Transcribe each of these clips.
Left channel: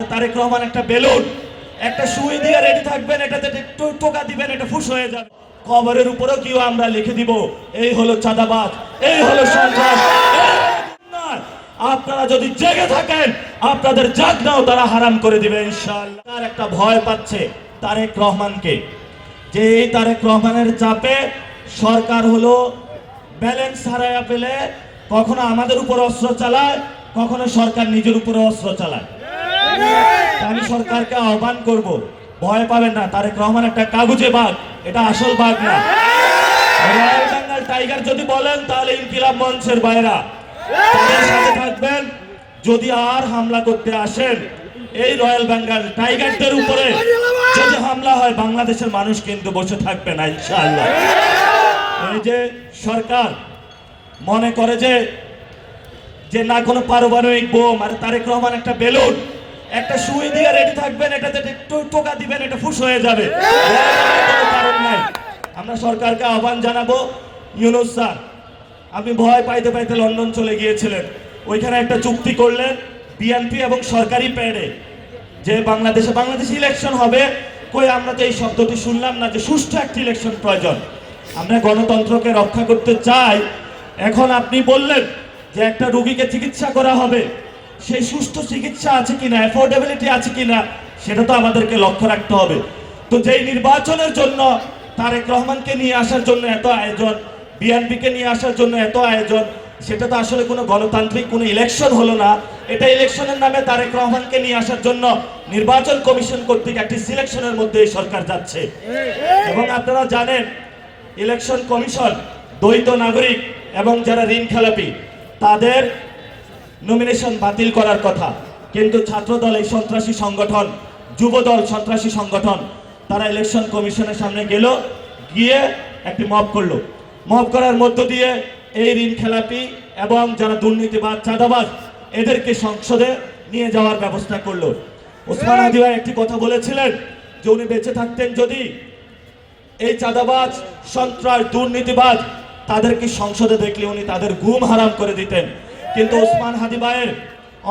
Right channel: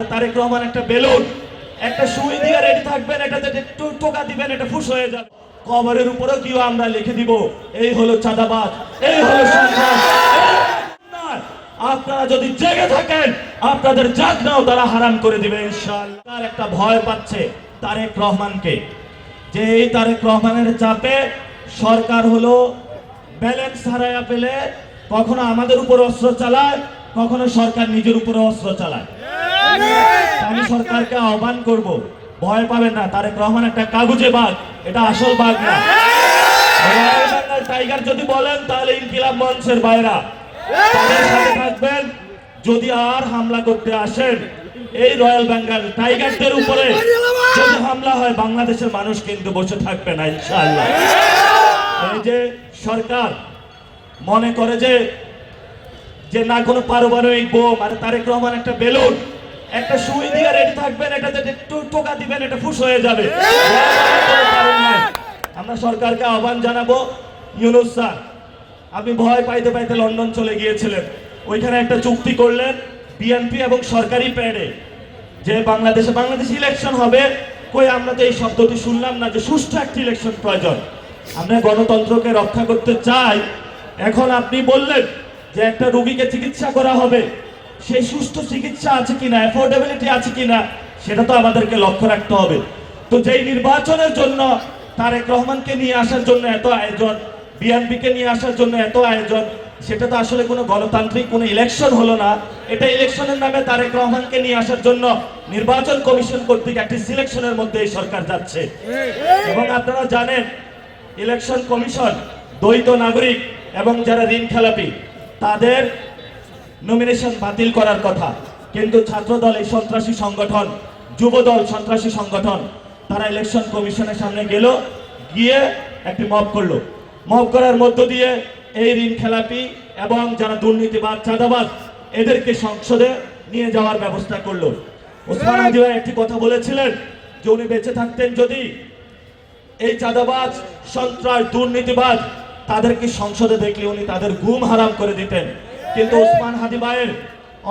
তারেক রহমান একটা বেলুন, একটা সুই দিয়ে রেডি থাকবেন, এটাতে একটু টোকা দিবেন, এটা ফুস হয়ে যাবে। কবরের উপরেও কেউ আমরা লিখে দিব, এই হলো চাঁদাবাজ, এই হলো সন্ত্রাস। আপনারা যদি জেগে থাকেন, আপনাদের জাগনাও তারা হারাম করে দিবে ইনশাআল্লাহ। তার একটা ভয় পাচ্ছে তারেক রহমানকে, যে এই তারেক রহমানের চাপে সরকার হলো ব্যালেন্স হারায়া পেলে কখনো আমাদের উপর অস্ত্র চালায়, কখনো সরকার নিজের উপরে অস্ত্র চালায়। আমি সরকারকে আহ্বান করব, ভয় পাবেন না, তারেক রহমান একটা কাগজে বাঘ, এটা আসল বাঘ না। টাইগার যদি বলেন তাহলে ইনকিলাব মঞ্চের বাইরা থাকবেন। যদি আর হামলা করতে আসেন এই রয়্যাল বেঙ্গল টাইগারদের উপরে যদি হামলা হয়, বাংলাদেশের মানুষ কিন্তু বসে থাকবে না ইনশাআল্লাহ। এই যে সরকার মনে করে যে না কোনো পারমাণবিক বোম, আর তারেক রহমান একটা বেলুন, একটা সুই দিয়ে রেডি থাকবেন, এটাতে একটু টোকা দিবেন, এটা ফুস হয়ে যাবে। আমরা সরকারকে আহ্বান জানাবো, ইউনূস স্যার আপনি ভয় পাইতে পাইতে লন্ডন চলে গিয়েছিলেন, ওইখানে একটা চুক্তি করলেন বিএনপি এবং সরকারি প্যাডে যে বাংলাদেশে ইলেকশন হবে। কই আমরা তো এই শব্দটি শুনলাম না যে সুষ্ঠু একটি ইলেকশন প্রয়োজন। আমরা গণতন্ত্রকে রক্ষা করতে চাই। এখন আপনি বললেন যে একটা রোগীকে চিকিৎসা করা হবে, সেই সুষ্ঠু চিকিৎসা আছে কিনা, অ্যাফোর্ডেবিলিটি আছে কিনা, সেটা তো আমাদেরকে লক্ষ্য রাখতে হবে। তো যেই নির্বাচনের জন্য তারেক রহমানকে নিয়ে আসার জন্য এত আয়োজন, বিএনপিকে নিয়ে আসার জন্য এত আয়োজন, সেটা তো আসলে কোনো গণতান্ত্রিক কোনো ইলেকশন হলো না। এটা ইলেকশনের নামে তারেক রহমানকে নিয়ে আসার জন্য নির্বাচন কমিশন কর্তৃক একটি সিলেকশনের মধ্যে এই সরকার যাচ্ছে। এবং আপনারা জানেন ইলেকশন কমিশন দ্বৈত নাগরিক এবং যারা ঋণ খেলাপি তাদের নমিনেশন বাতিল করার কথা, কিন্তু ছাত্রদল এই সন্ত্রাসী সংগঠন, যুবদল সন্ত্রাসী সংগঠন, তারা ইলেকশন কমিশনের সামনে গেল, গিয়ে একটি মব করলো। মব করার মধ্য দিয়ে এই ঋণ খেলাপি এবং যারা দুর্নীতিবাদ চাঁদাবাজ এদেরকে সংসদে নিয়ে যাওয়ার ব্যবস্থা করলো। ওসমান হাদি ভাই একটি কথা বলেছিলেন যে উনি বেঁচে থাকতেন যদি এই চাঁদাবাজ সন্ত্রাস দুর্নীতিবাদ তাদেরকে সংসদে দেখলে উনি তাদের ঘুম হারাম করে দিতেন। কিন্তু ওসমান হাদি ভাইয়ের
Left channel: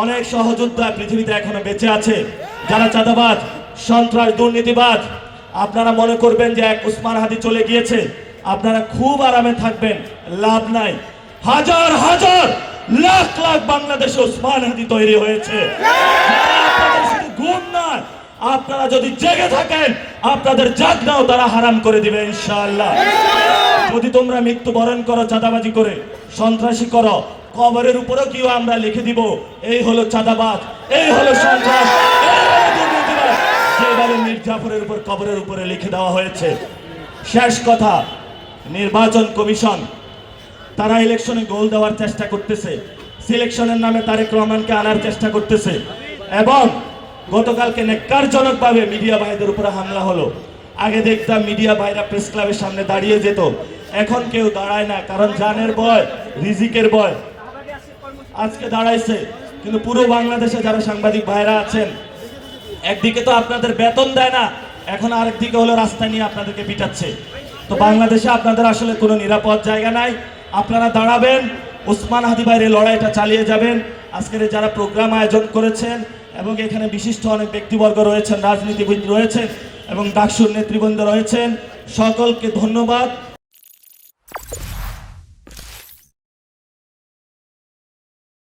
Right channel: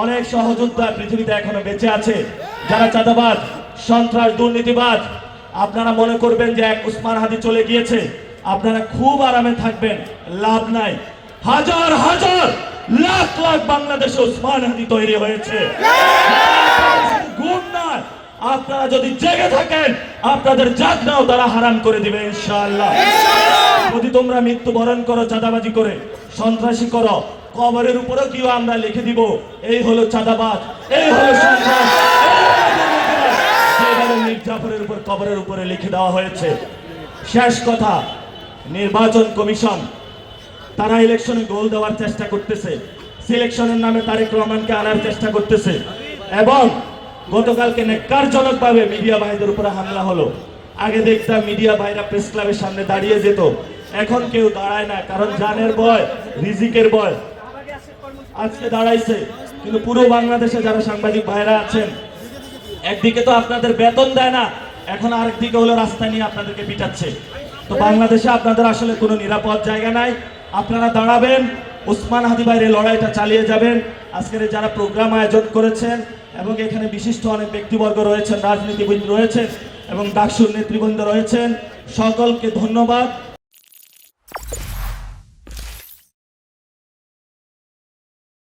অনেক সহযোদ্ধা পৃথিবীতে এখনো বেঁচে আছে, যারা চাঁদাবাজ সন্ত্রাস দুর্নীতিবাদ। আপনারা মনে করবেন যে এক ওসমান হাদি চলে গিয়েছে, আপনারা খুব আরামে থাকবেন, লাভ নাই। হাজার হাজার লাখ লাখ বাংলাদেশে ওসমান হাদি তৈরি হয়েছে। ঘুম না, আপনারা যদি জেগে থাকেন, আপনাদের জাগনাও তারা হারাম করে দিবে ইনশাআল্লাহ। যদি তোমরা মৃত্যুবরণ করো চাঁদাবাজি করে, সন্ত্রাসী করো, কবরের উপরেও কেউ আমরা লিখে দিব, এই হলো চাঁদাবাজ, এই হলো সন্ত্রাস। মীর জাফরের উপর কবরের উপরে লিখে দেওয়া হয়েছে। শেষ কথা, নির্বাচন কমিশন তারা ইলেকশনে গোল দেওয়ার চেষ্টা করতেছে, সিলেকশনের নামে তারেক রহমানকে আনার চেষ্টা করতেছে। এবং গতকালকে নেককারজনকভাবে মিডিয়া ভাইদের উপরে হামলা হলো। আগে দেখতাম মিডিয়া ভাইরা প্রেস ক্লাবের সামনে দাঁড়িয়ে যেত, এখন কেউ দাঁড়ায় না, কারণ জানের ভয়, রিজিকের ভয়। আজকে দাঁড়াইছে, কিন্তু পুরো বাংলাদেশে যারা সাংবাদিক ভাইরা আছেন, একদিকে তো আপনাদের বেতন দেয় না, এখন আরেকদিকে হলো রাস্তা নিয়ে আপনাদেরকে পিটাচ্ছে। তো বাংলাদেশে আপনাদের আসলে কোনো নিরাপদ জায়গা নাই। আপনারা দাঁড়াবেন, ওসমান হাদি ভাইয়ের লড়াইটা চালিয়ে যাবেন। আজকের যারা প্রোগ্রাম আয়োজন করেছেন এবং এখানে বিশিষ্ট অনেক ব্যক্তিবর্গ রয়েছেন, রাজনীতিবিদ রয়েছেন এবং ডাকসুর নেতৃবৃন্দ রয়েছেন, সকলকে ধন্যবাদ।